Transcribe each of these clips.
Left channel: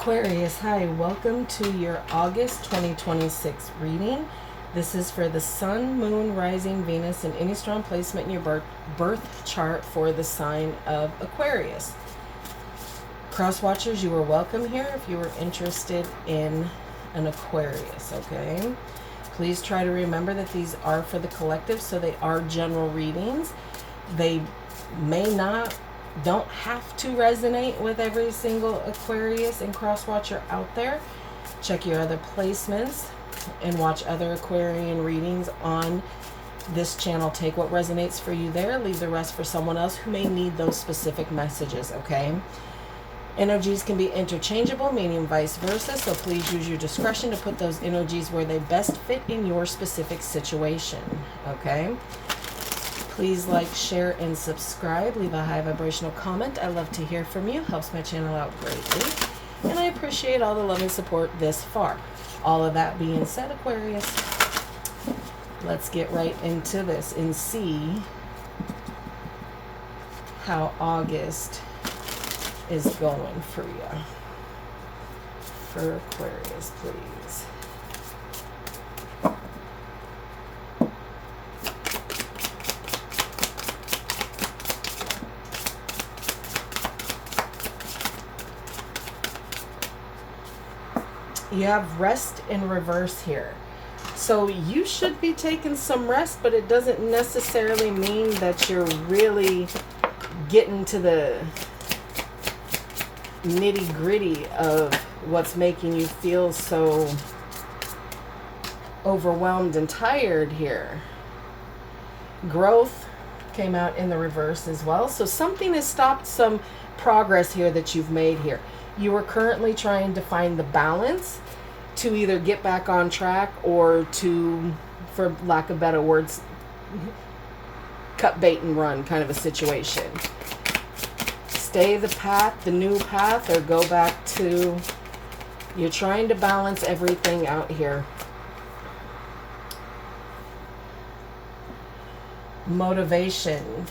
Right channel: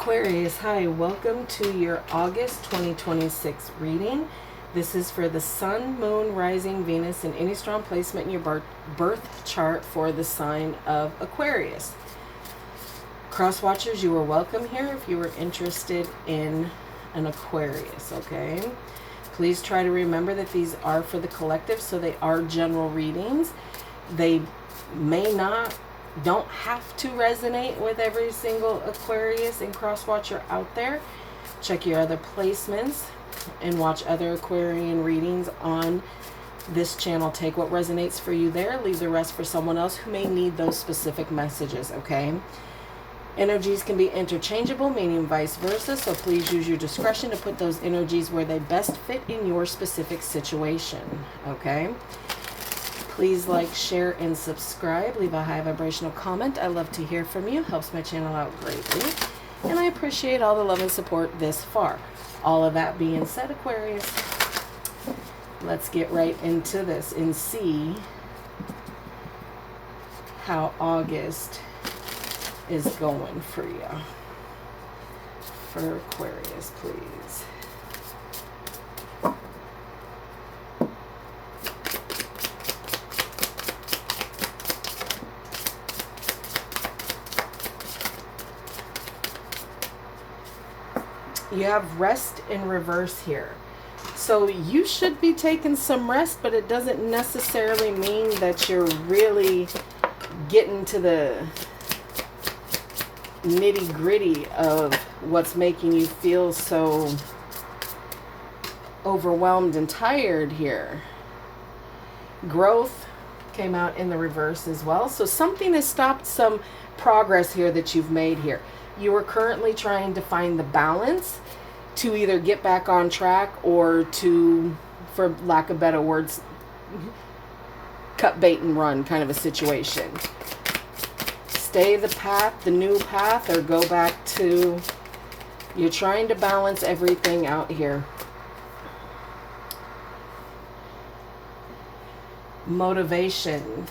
Aquarius, hi, welcome to your August 2026 reading. This is for the Sun, Moon, Rising, Venus, and any strong placement in your birth chart for the sign of Aquarius. Crosswatchers, you are welcome here if you are interested in an Aquarius, okay? Please try to remember that these are for the collective, so they are general readings. They don't have to resonate with every single Aquarius and Crosswatcher out there. Check your other placements and watch other Aquarian readings on this channel. Take what resonates for you there. Leave the rest for someone else who may need those specific messages, okay? Energies can be interchangeable, meaning vice versa, so please use your discretion to put those energies where they best fit in your specific situation, okay? Please like, share, and subscribe. Leave a high vibrational comment. I love to hear from you. Helps my channel out greatly. And I appreciate all the love and support this far. All of that being said, Aquarius, let's get right into this and see how August is going for you. For Aquarius, please. You have rest in reverse here. So you should be taking some rest, but it doesn't necessarily mean that you're really getting to the nitty-gritty of what's making you feel so overwhelmed and tired here. Growth came out in the reverse as well. So something has stopped some progress here that you've made here. You are currently trying to find the balance to either get back on track or to, for lack of better words, cut bait and run kind of a situation. Stay the path, the new path, or go back to, you're trying to balance everything out here. Motivation.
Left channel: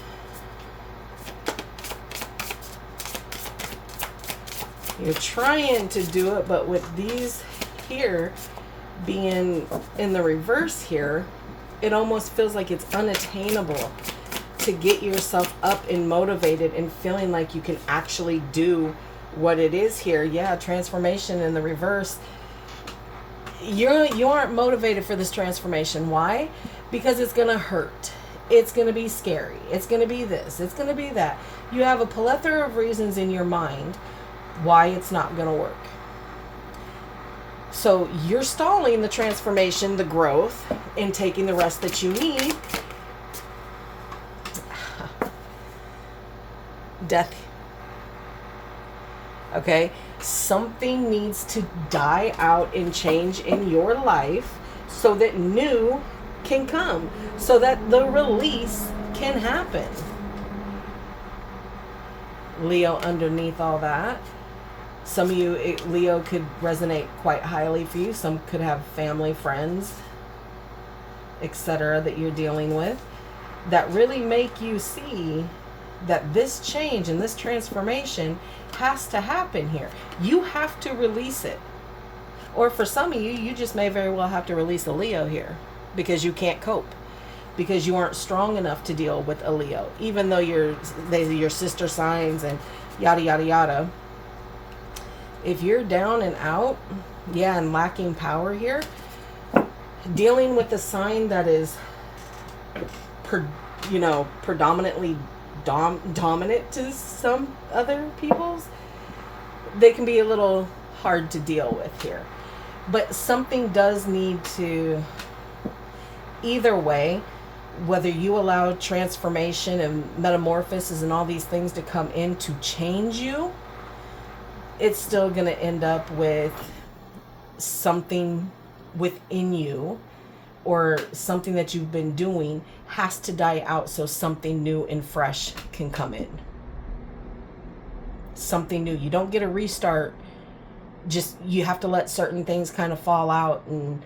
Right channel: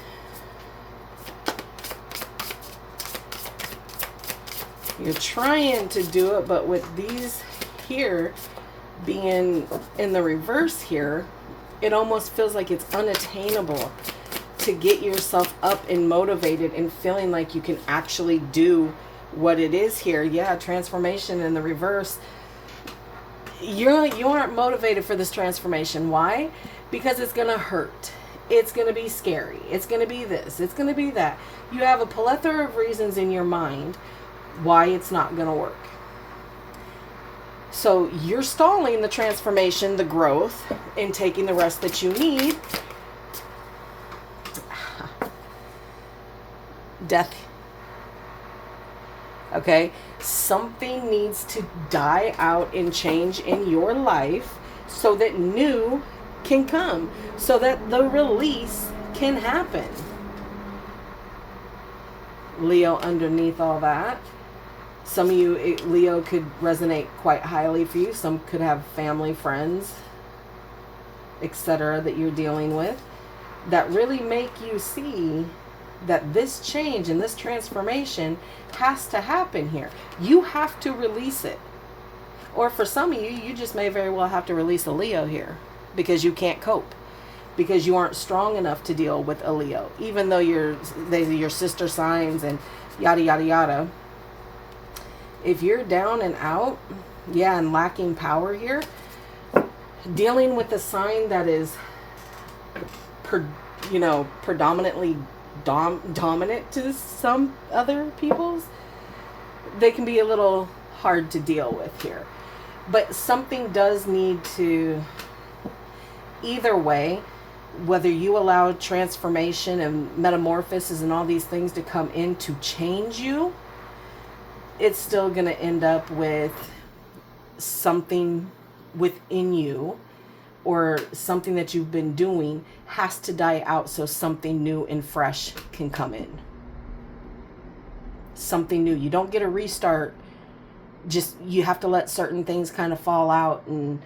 You're trying to do it, but with these here being in the reverse here, it almost feels like it's unattainable to get yourself up and motivated and feeling like you can actually do what it is here. Yeah, transformation in the reverse. You aren't motivated for this transformation. Why? Because it's going to hurt. It's going to be scary. It's going to be this. It's going to be that. You have a plethora of reasons in your mind why it's not going to work. So you're stalling the transformation, the growth, and taking the rest that you need. Death. Okay? Something needs to die out and change in your life so that new can come, so that the release can happen. Leo underneath all that. Some of you, Leo, could resonate quite highly for you. Some could have family, friends, etc. that you're dealing with that really make you see that this change and this transformation has to happen here. You have to release it. Or for some of you, you just may very well have to release a Leo here because you can't cope, because you aren't strong enough to deal with a Leo, even though they're your sister signs and yada, yada, yada. If you're down and out, yeah, and lacking power here, dealing with a sign that is, predominantly dominant to some other people's, they can be a little hard to deal with here. But something does need to, either way, whether you allow transformation and metamorphosis and all these things to come in to change you, it's still going to end up with something within you, or something that you've been doing has to die out so something new and fresh can come in. Something new. You don't get a restart. Just, you have to let certain things kind of fall out and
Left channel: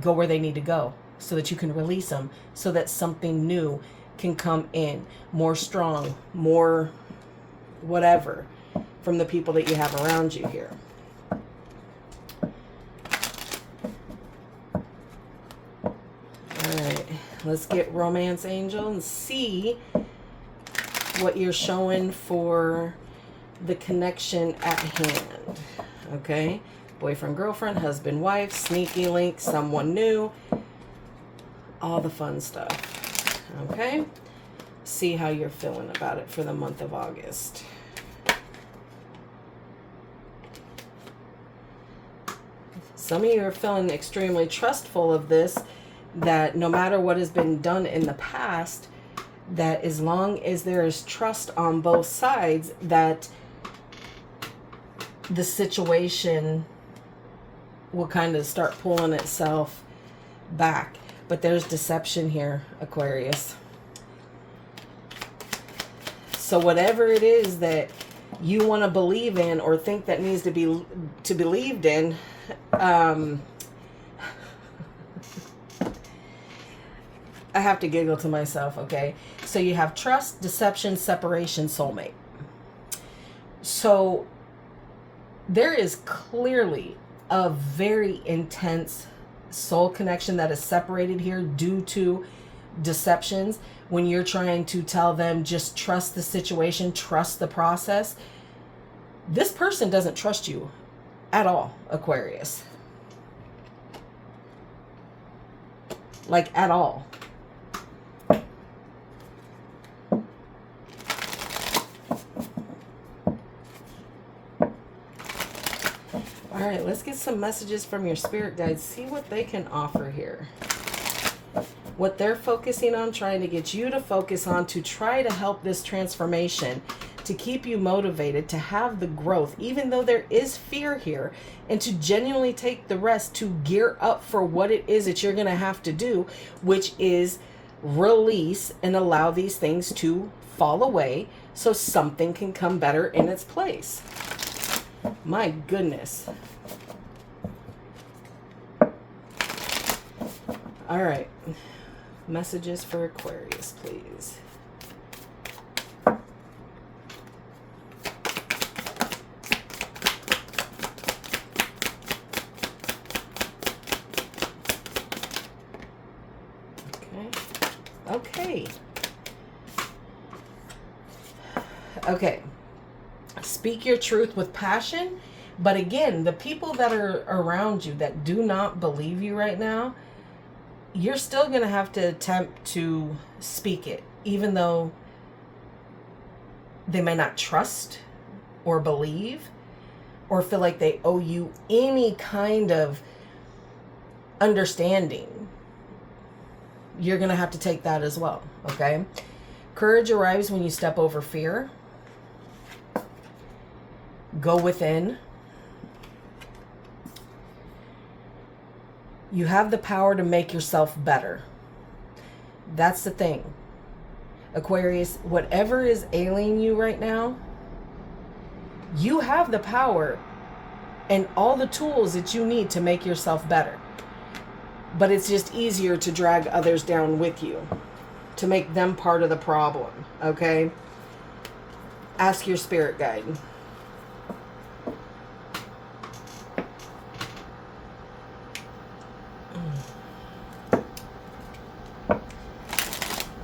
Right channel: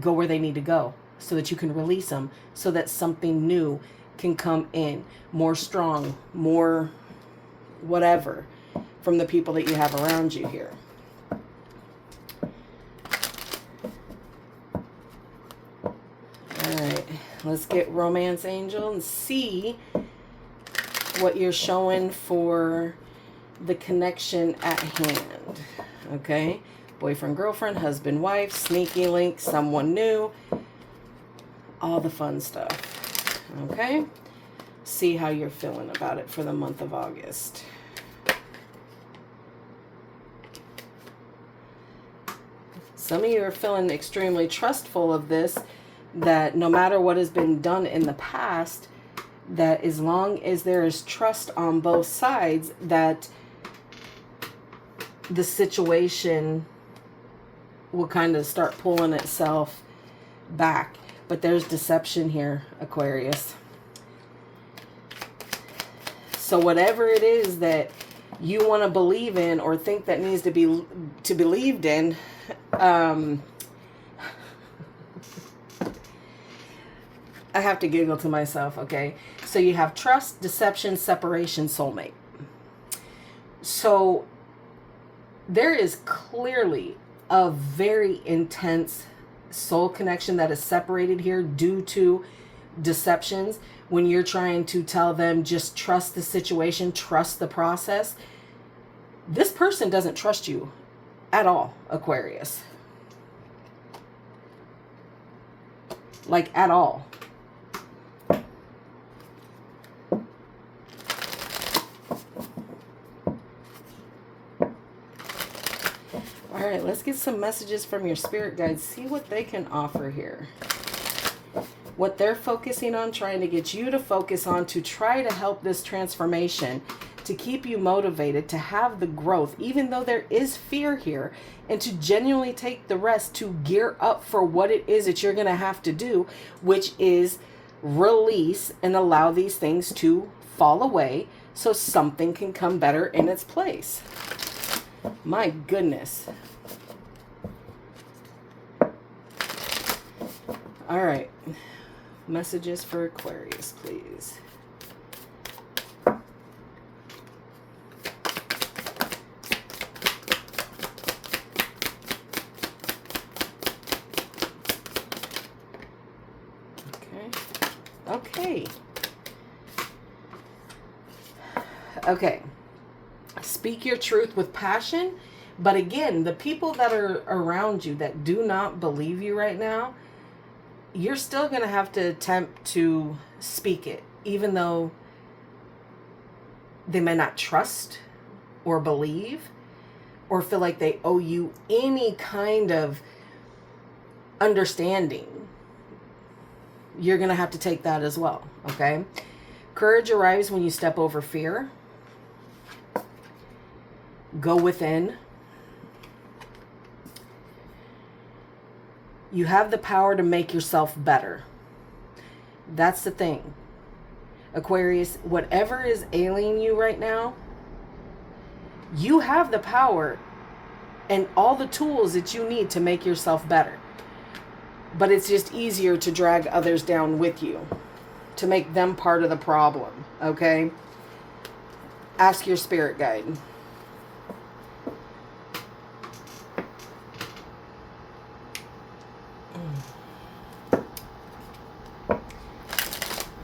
go where they need to go so that you can release them, so that something new can come in, more strong, more whatever, from the people that you have around you here. All right, let's get Romance Angel and see what you're showing for the connection at hand. Okay, boyfriend, girlfriend, husband, wife, sneaky link, someone new, all the fun stuff. Okay, see how you're feeling about it for the month of August. Some of you are feeling extremely trustful of this, that no matter what has been done in the past, that as long as there is trust on both sides, that the situation will kind of start pulling itself back. But there's deception here, Aquarius. So whatever it is that you want to believe in or think that needs to be believed in, I have to giggle to myself, okay? So you have trust, deception, separation, soulmate. So there is clearly a very intense soul connection that is separated here due to deceptions. When you're trying to tell them just trust the situation, trust the process, this person doesn't trust you at all, Aquarius. Like, at all. All right, let's get some messages from your spirit guides. See what they can offer here. What they're focusing on, trying to get you to focus on, to try to help this transformation, to keep you motivated, to have the growth, even though there is fear here, and to genuinely take the rest to gear up for what it is that you're going to have to do, which is release and allow these things to fall away so something can come better in its place. My goodness. All right. Messages for Aquarius, please. Okay. Speak your truth with passion. But again, the people that are around you that do not believe you right now, you're still going to have to attempt to speak it, even though they may not trust or believe or feel like they owe you any kind of understanding. You're going to have to take that as well, okay? Courage arrives when you step over fear. Go within. You have the power to make yourself better. That's the thing. Aquarius, whatever is ailing you right now, you have the power and all the tools that you need to make yourself better. But it's just easier to drag others down with you, to make them part of the problem, okay? Ask your spirit guide.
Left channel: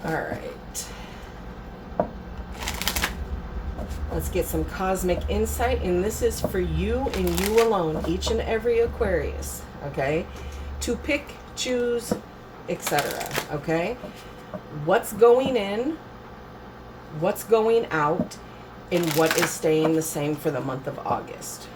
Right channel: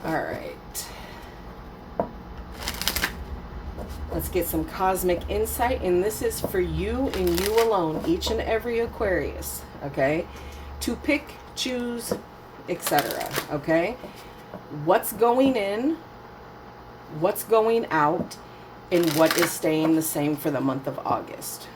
All right. Let's get some cosmic insight, and this is for you and you alone, each and every Aquarius, okay? To pick, choose, etc., okay? What's going in, what's going out, and what is staying the same for the month of August.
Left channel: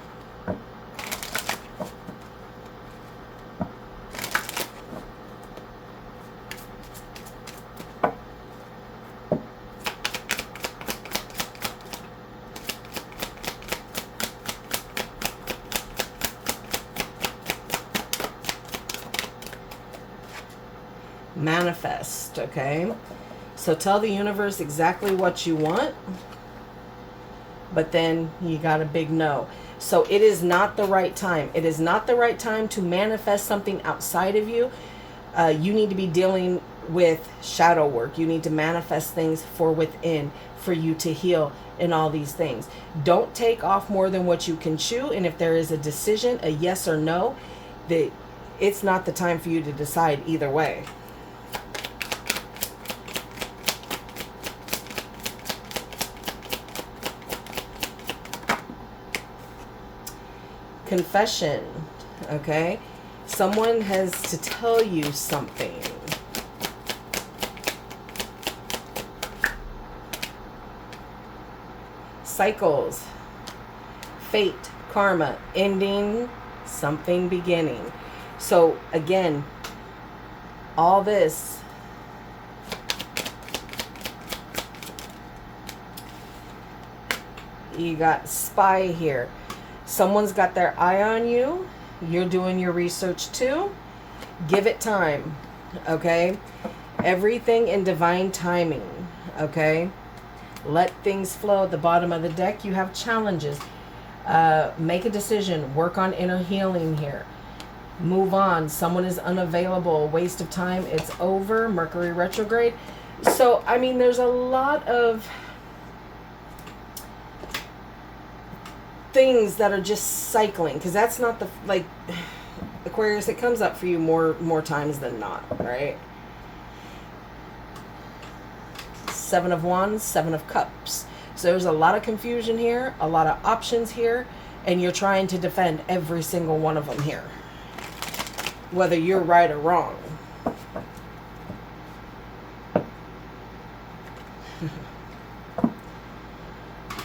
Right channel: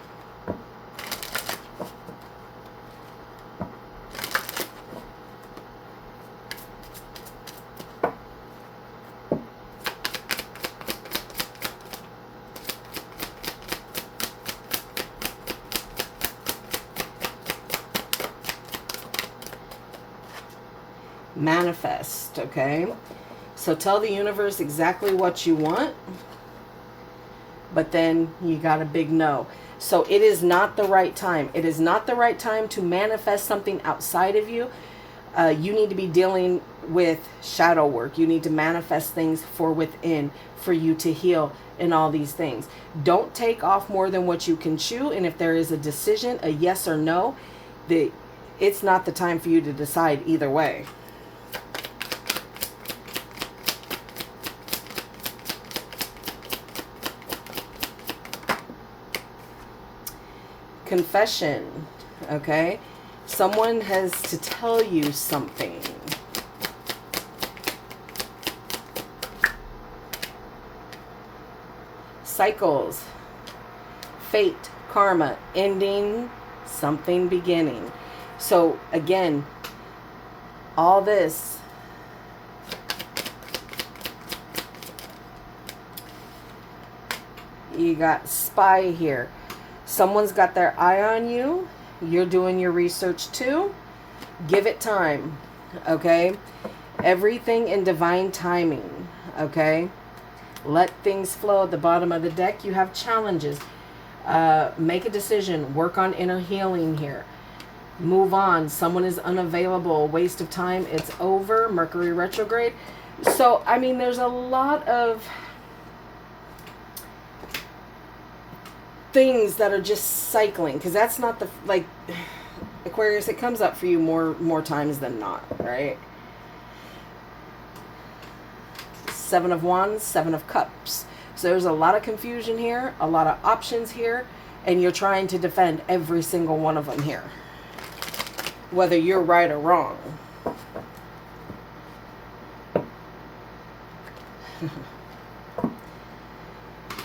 Manifest, okay? So tell the universe exactly what you want, but then you got a big no. So it is not the right time. It is not the right time to manifest something outside of you. You need to be dealing with shadow work. You need to manifest things for within, for you to heal. and all these things. Don't take off more than what you can chew. And if there is a decision, a yes or no, that it's not the time for you to decide either way. Confession, okay? Someone has to tell you something. Cycles, fate, karma, ending, something beginning. So again, all this, you got spy here. Someone's got their eye on you. You're doing your research too. Give it time, okay? Everything in divine timing, okay? Let things flow. At the bottom of the deck, you have challenges. Make a decision. Work on inner healing here. Move on. Someone is unavailable. Waste of time. It's over. Mercury retrograde. So, I mean, there's a lot of things that are just cycling, because that's not the, like, Aquarius, it comes up for you more times than not, right? Seven of Wands, Seven of Cups. So there's a lot of confusion here, a lot of options here, and you're trying to defend every single one of them here, whether you're right or wrong.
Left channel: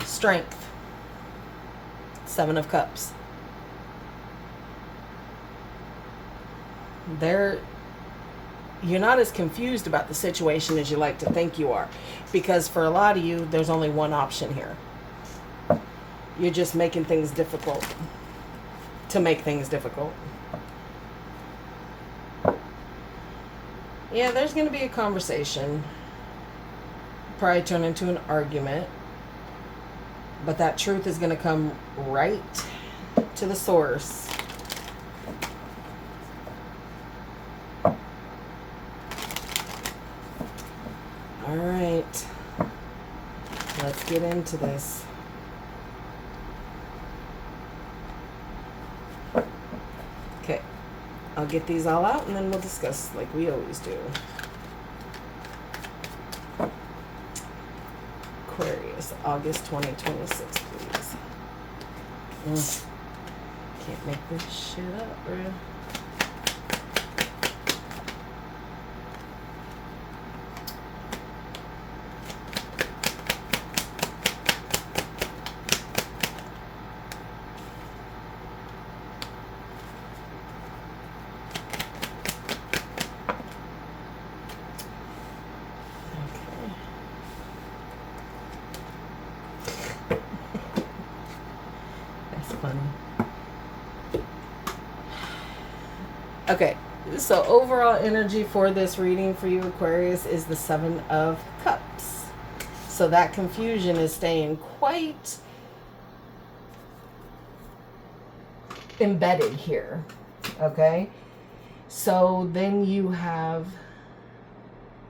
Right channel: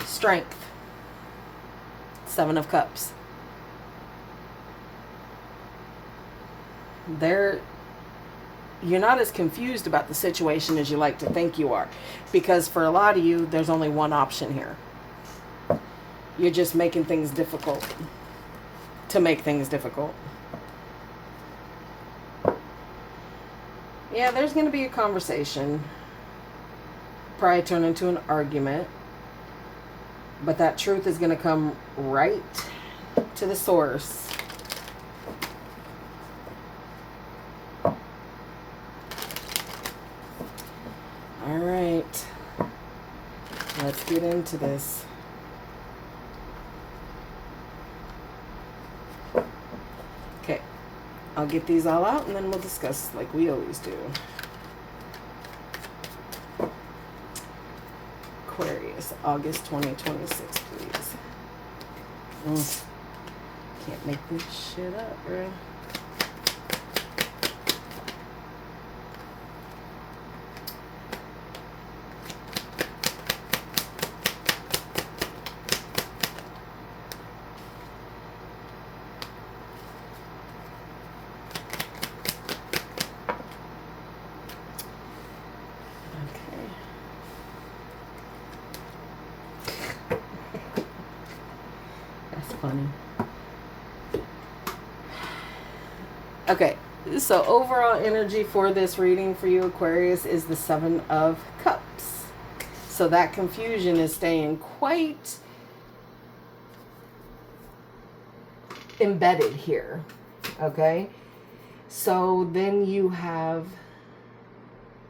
Strength. Seven of Cups. You're not as confused about the situation as you like to think you are, because for a lot of you, there's only one option here. You're just making things difficult to make things difficult. Yeah, there's going to be a conversation. Probably turn into an argument. But that truth is going to come right to the source. All right. Let's get into this. Okay. I'll get these all out and then we'll discuss like we always do. Aquarius, August 2026, please. Can't make this shit up, bro. Okay, so overall energy for this reading for you, Aquarius, is the Seven of Cups. So that confusion is staying quite embedded here, okay? So then you have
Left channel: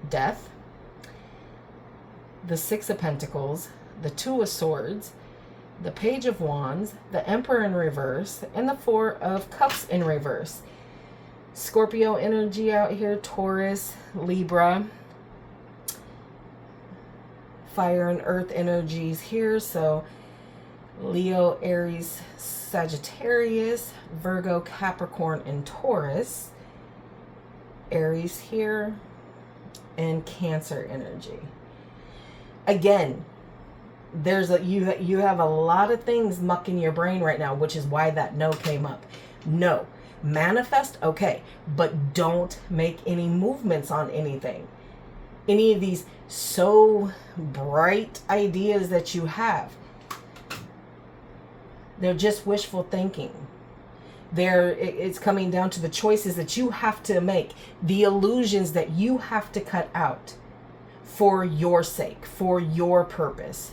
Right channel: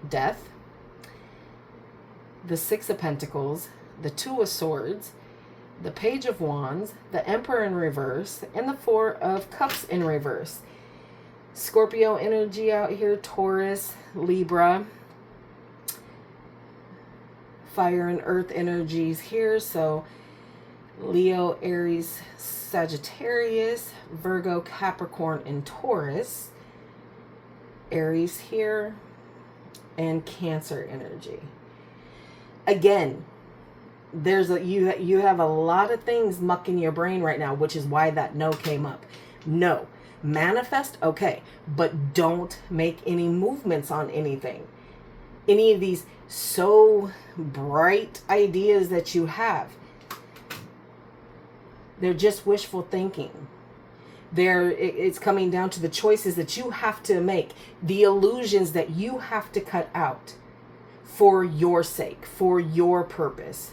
Death, the Six of Pentacles, the Two of Swords, the Page of Wands, the Emperor in reverse, and the Four of Cups in reverse. Scorpio energy out here, Taurus, Libra, fire and earth energies here. So Leo, Aries, Sagittarius, Virgo, Capricorn, and Taurus. Aries here, and Cancer energy. Again, there's you have a lot of things mucking your brain right now, which is why that no came up. No. Manifest, okay, but don't make any movements on anything. Any of these so bright ideas that you have, they're just wishful thinking. It's coming down to the choices that you have to make, the illusions that you have to cut out for your sake, for your purpose.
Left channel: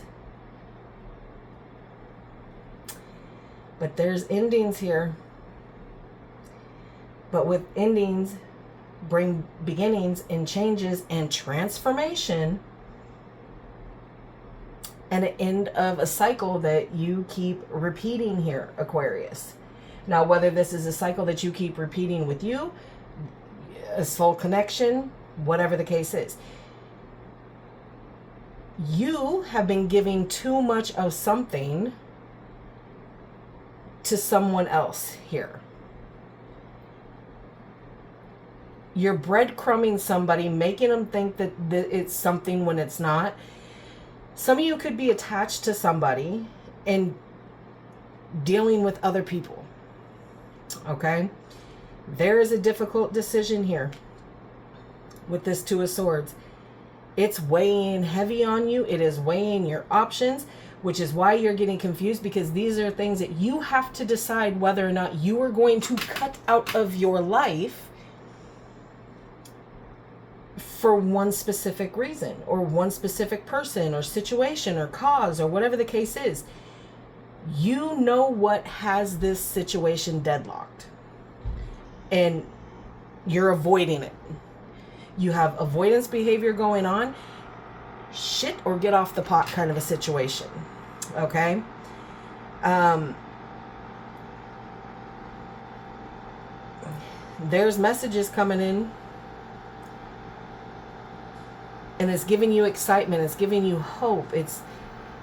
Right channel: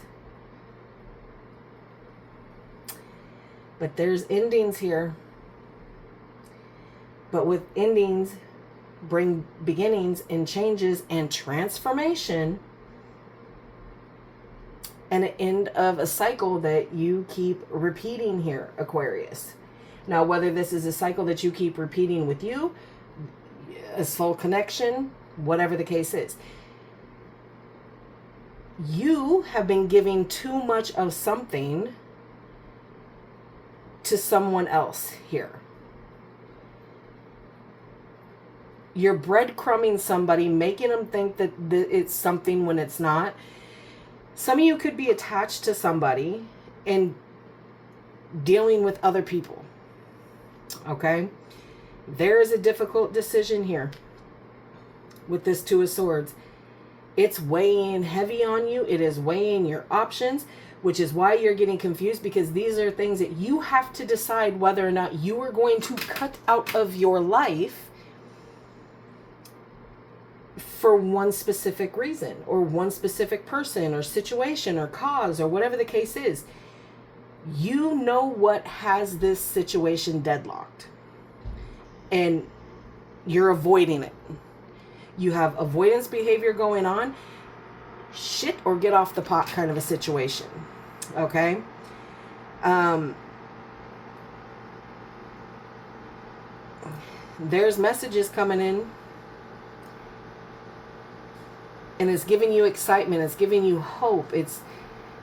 But there's endings here. But with endings bring beginnings and changes and transformation. and an end of a cycle that you keep repeating here, Aquarius. Now, whether this is a cycle that you keep repeating with you, a soul connection, whatever the case is, you have been giving too much of something to someone else here. You're breadcrumbing somebody, making them think that it's something when it's not. Some of you could be attached to somebody and dealing with other people. Okay? There is a difficult decision here with this Two of Swords. It's weighing heavy on you. It is weighing your options, which is why you're getting confused, because these are things that you have to decide whether or not you are going to cut out of your life for one specific reason or one specific person or situation or cause or whatever the case is. You know what has this situation deadlocked, and you're avoiding it. You have avoidance behavior going on, shit or get off the pot kind of a situation. Okay? There's messages coming in, and it's giving you excitement. It's giving you hope. It's,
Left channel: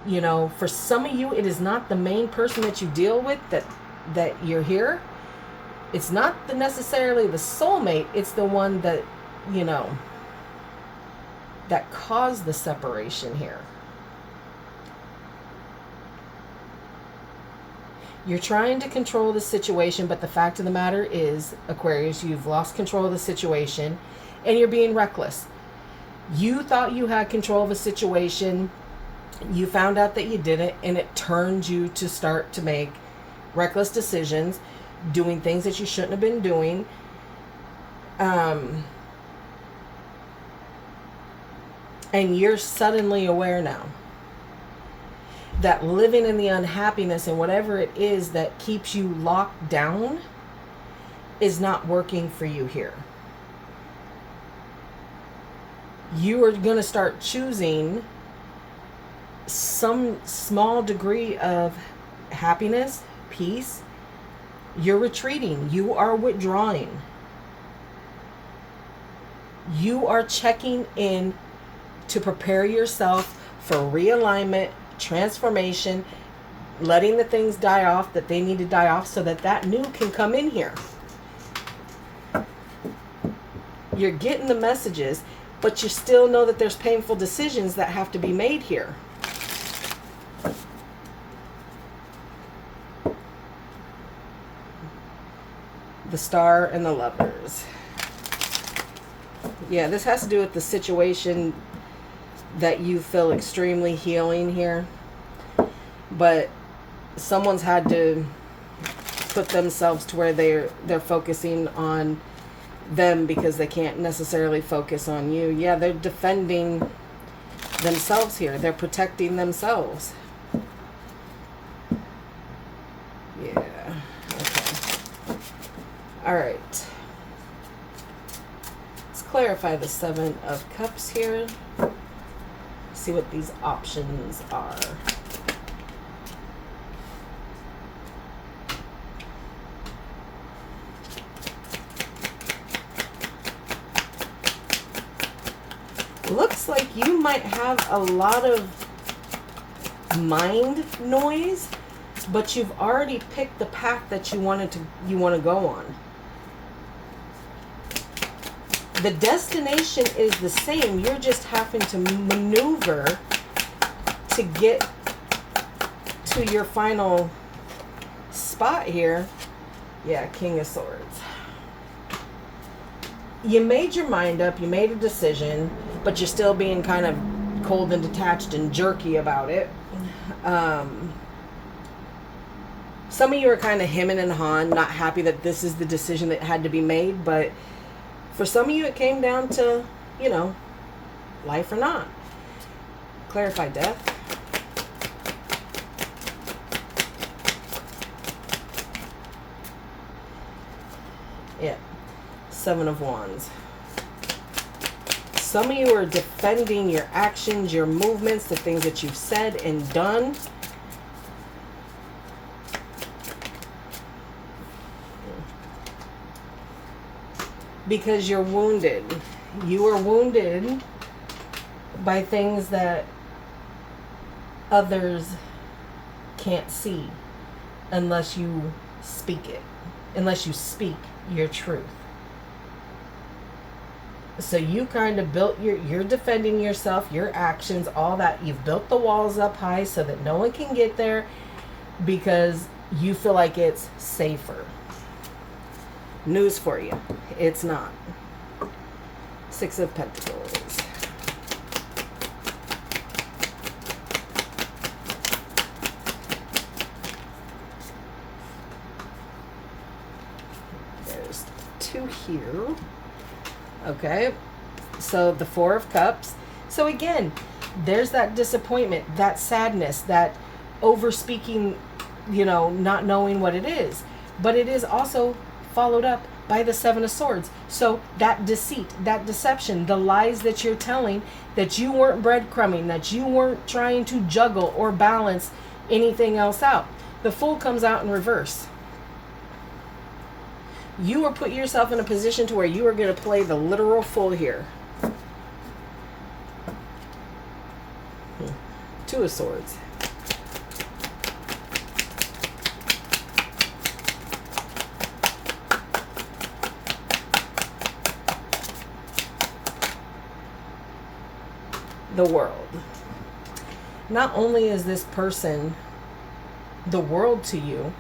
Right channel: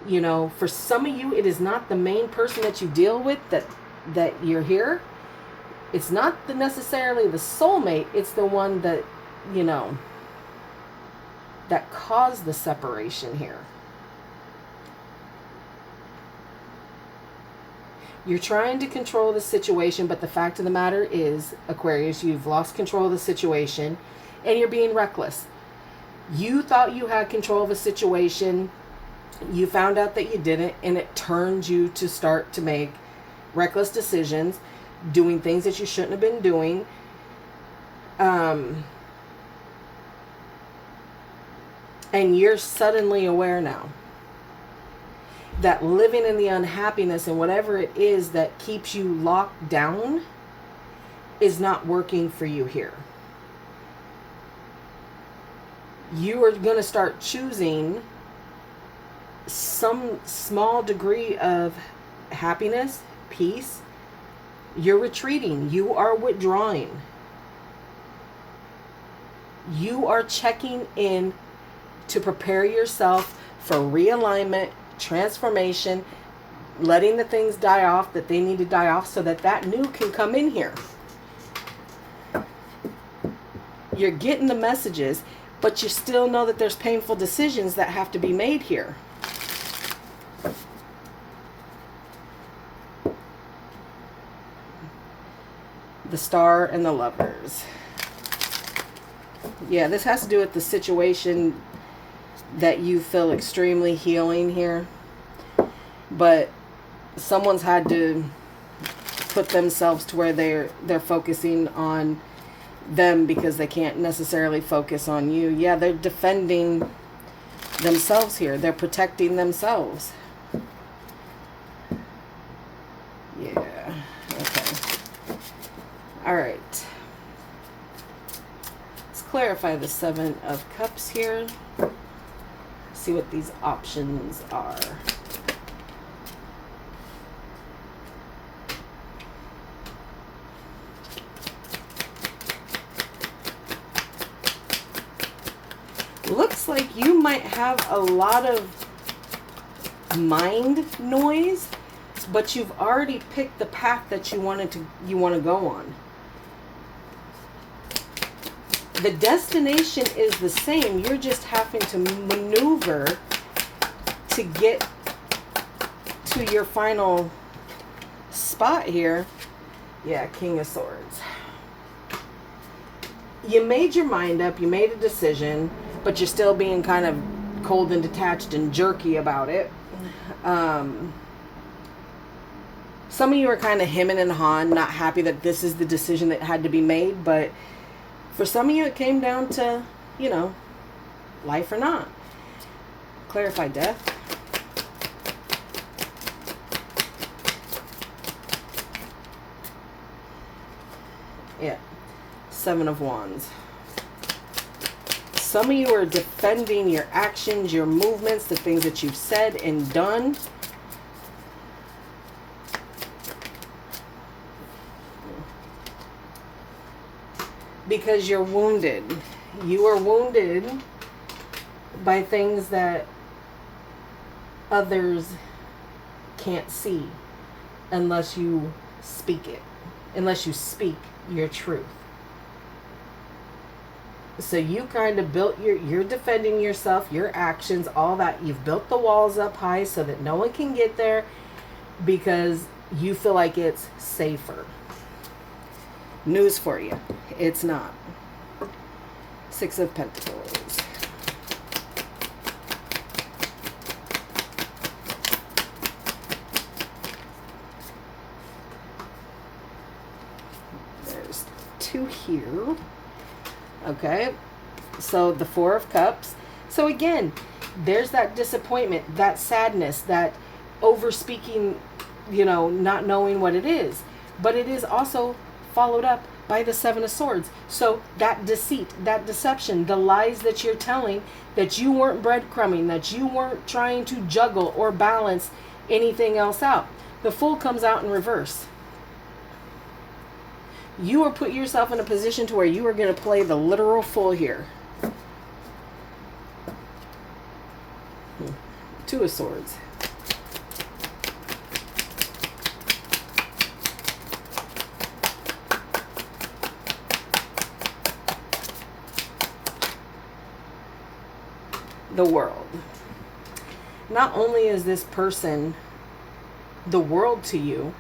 you know, for some of you, it is not the main person that you deal with that you're here. It's not necessarily the soulmate. It's the one that, you know, that caused the separation here. You're trying to control the situation, but the fact of the matter is, Aquarius, you've lost control of the situation and you're being reckless. You thought you had control of a situation. You found out that you didn't, and it turned you to start to make reckless decisions, doing things that you shouldn't have been doing. And you're suddenly aware now that living in the unhappiness and whatever it is that keeps you locked down is not working for you here. You are going to start choosing some small degree of happiness, peace. You're retreating. You are withdrawing. You are checking in to prepare yourself for realignment, transformation, letting the things die off that they need to die off so that that new can come in here. You're getting the messages, but you still know that there's painful decisions that have to be made here. The Star and the Lovers. Yeah, this has to do with the situation that you feel extremely healing here. But someone's had to put themselves to where they're focusing on them because they can't necessarily focus on you. Yeah, they're defending themselves here. They're protecting themselves. Yeah. Okay. All right. Let's clarify the Seven of Cups here. See what these options are. Looks like you might have a lot of mind noise, but you've already picked the path that you want to go on. The destination is the same. You're just having to maneuver to get to your final spot here. Yeah, King of Swords. You made your mind up. You made a decision, but you're still being kind of cold and detached and jerky about it. Some of you are kind of hemming and hawing, not happy that this is the decision that had to be made, but for some of you, it came down to, you know, life or not. Clarify Death. Yeah. Seven of Wands. Some of you are defending your actions, your movements, the things that you've said and done. Because you're wounded. You are wounded by things that others can't see unless you speak it, unless you speak your truth. So you kind of built you're defending yourself, your actions, all that. You've built the walls up high so that no one can get there because you feel like it's safer. News for you, it's not. Six of Pentacles. There's two here. Okay, so the Four of Cups. So again, there's that disappointment, that sadness, that over-speaking, you know, not knowing what it is. But it is also followed up by the Seven of Swords. So that deceit, that deception, the lies that you're telling, that you weren't breadcrumbing, that you weren't trying to juggle or balance anything else out. The Fool comes out in reverse. You are put yourself in a position to where you are going to play the literal fool here. Two of Swords. The World. Not only is this person the world to you,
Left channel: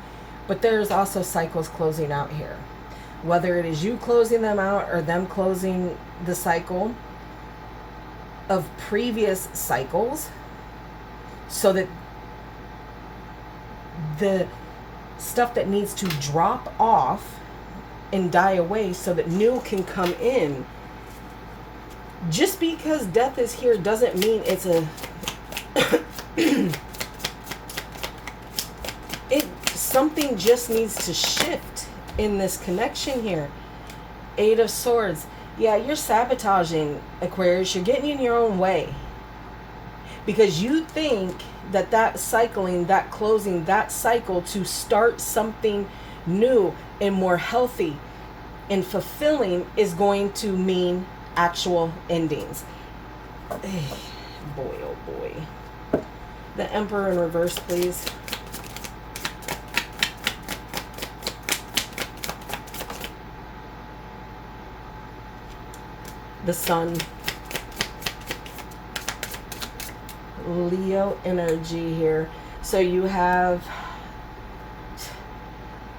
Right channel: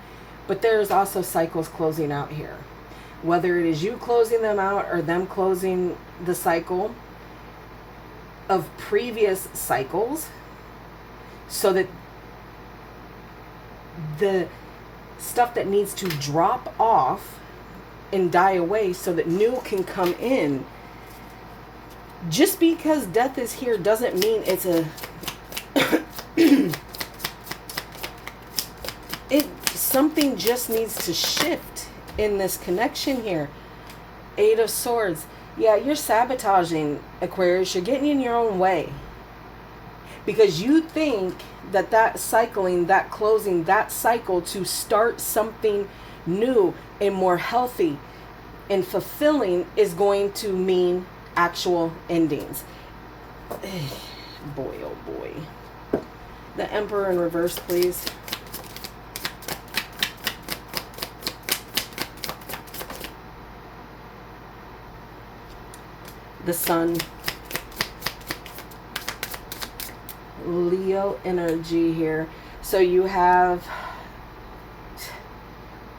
but there is also cycles closing out here. Whether it is you closing them out or them closing the cycle of previous cycles, so that the stuff that needs to drop off and die away so that new can come in. Just because death is here doesn't mean it's a something just needs to shift in this connection here. Eight of Swords. Yeah, you're sabotaging, Aquarius. You're getting in your own way. Because you think that that cycling, that closing, that cycle to start something new and more healthy and fulfilling is going to mean actual endings. Boy, oh boy. The Emperor in reverse, please. The Sun. Leo energy here. So you have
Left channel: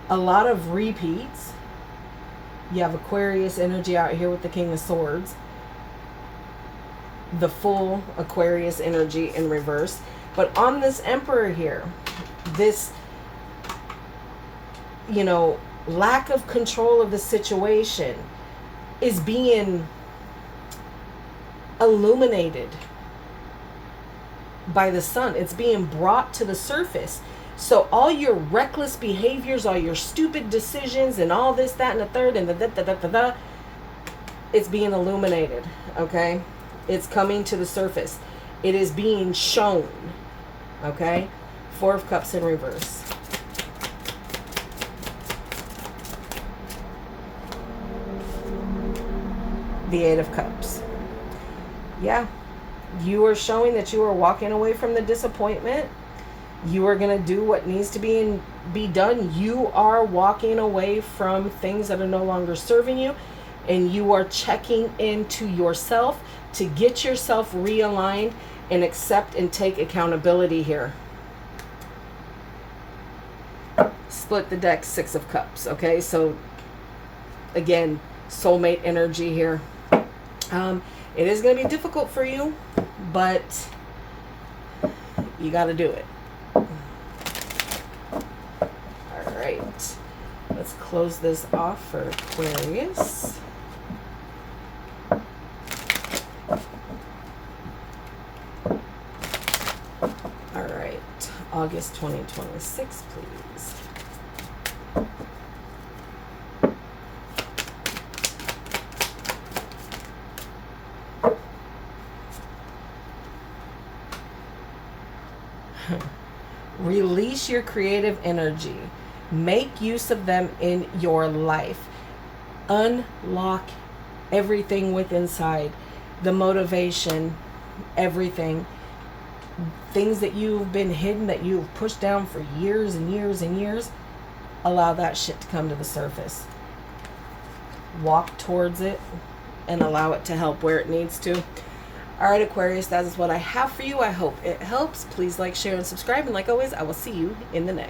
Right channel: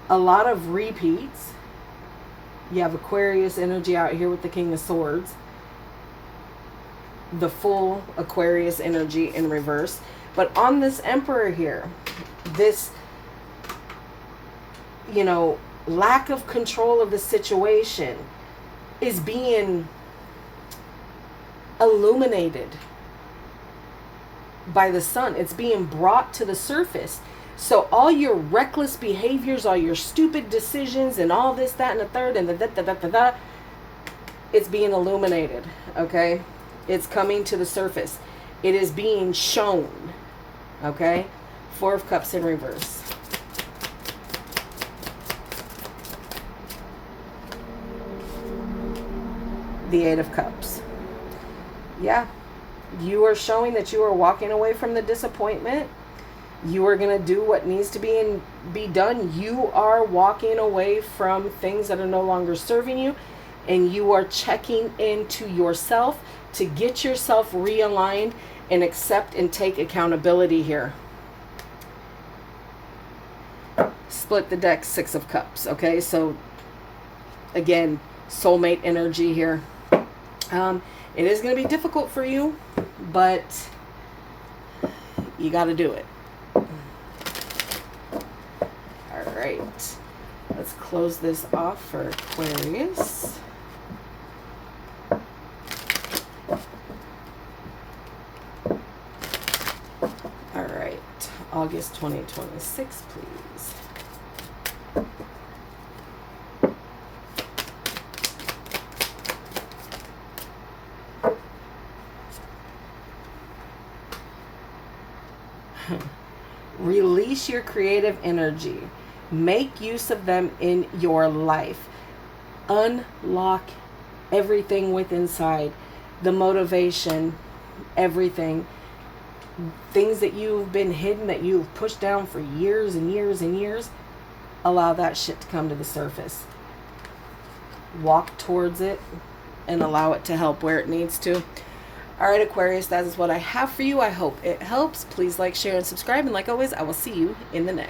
a lot of repeats. You have Aquarius energy out here with the King of Swords. The full Aquarius energy in reverse. But on this Emperor here, this, you know, lack of control of the situation is being illuminated by the Sun. It's being brought to the surface. So all your reckless behaviors, all your stupid decisions and all this, that, and the third, and the it's being illuminated, okay? It's coming to the surface. It is being shown, okay? Four of Cups in reverse. The Eight of Cups. Yeah, you are showing that you are walking away from the disappointment. You are going to do what needs to be done. You are walking away from things that are no longer serving you, and you are checking into yourself to get yourself realigned and accept and take accountability here. Split the deck, Six of Cups. Okay, so again, soulmate energy here. It is going to be difficult for you, but you got to do it. All right, let's close this off for Aquarius. All right, August 2026, please. Release your creative energy. Make use of them in your life. Unlock everything within inside. The motivation, everything. Things that you've been hidden, that you've pushed down for years and years and years, allow that shit to come to the surface. Walk towards it and allow it to help where it needs to. All right, Aquarius, that is what I have for you. I hope it helps. Please like, share, and subscribe. And like always, I will see you in the next.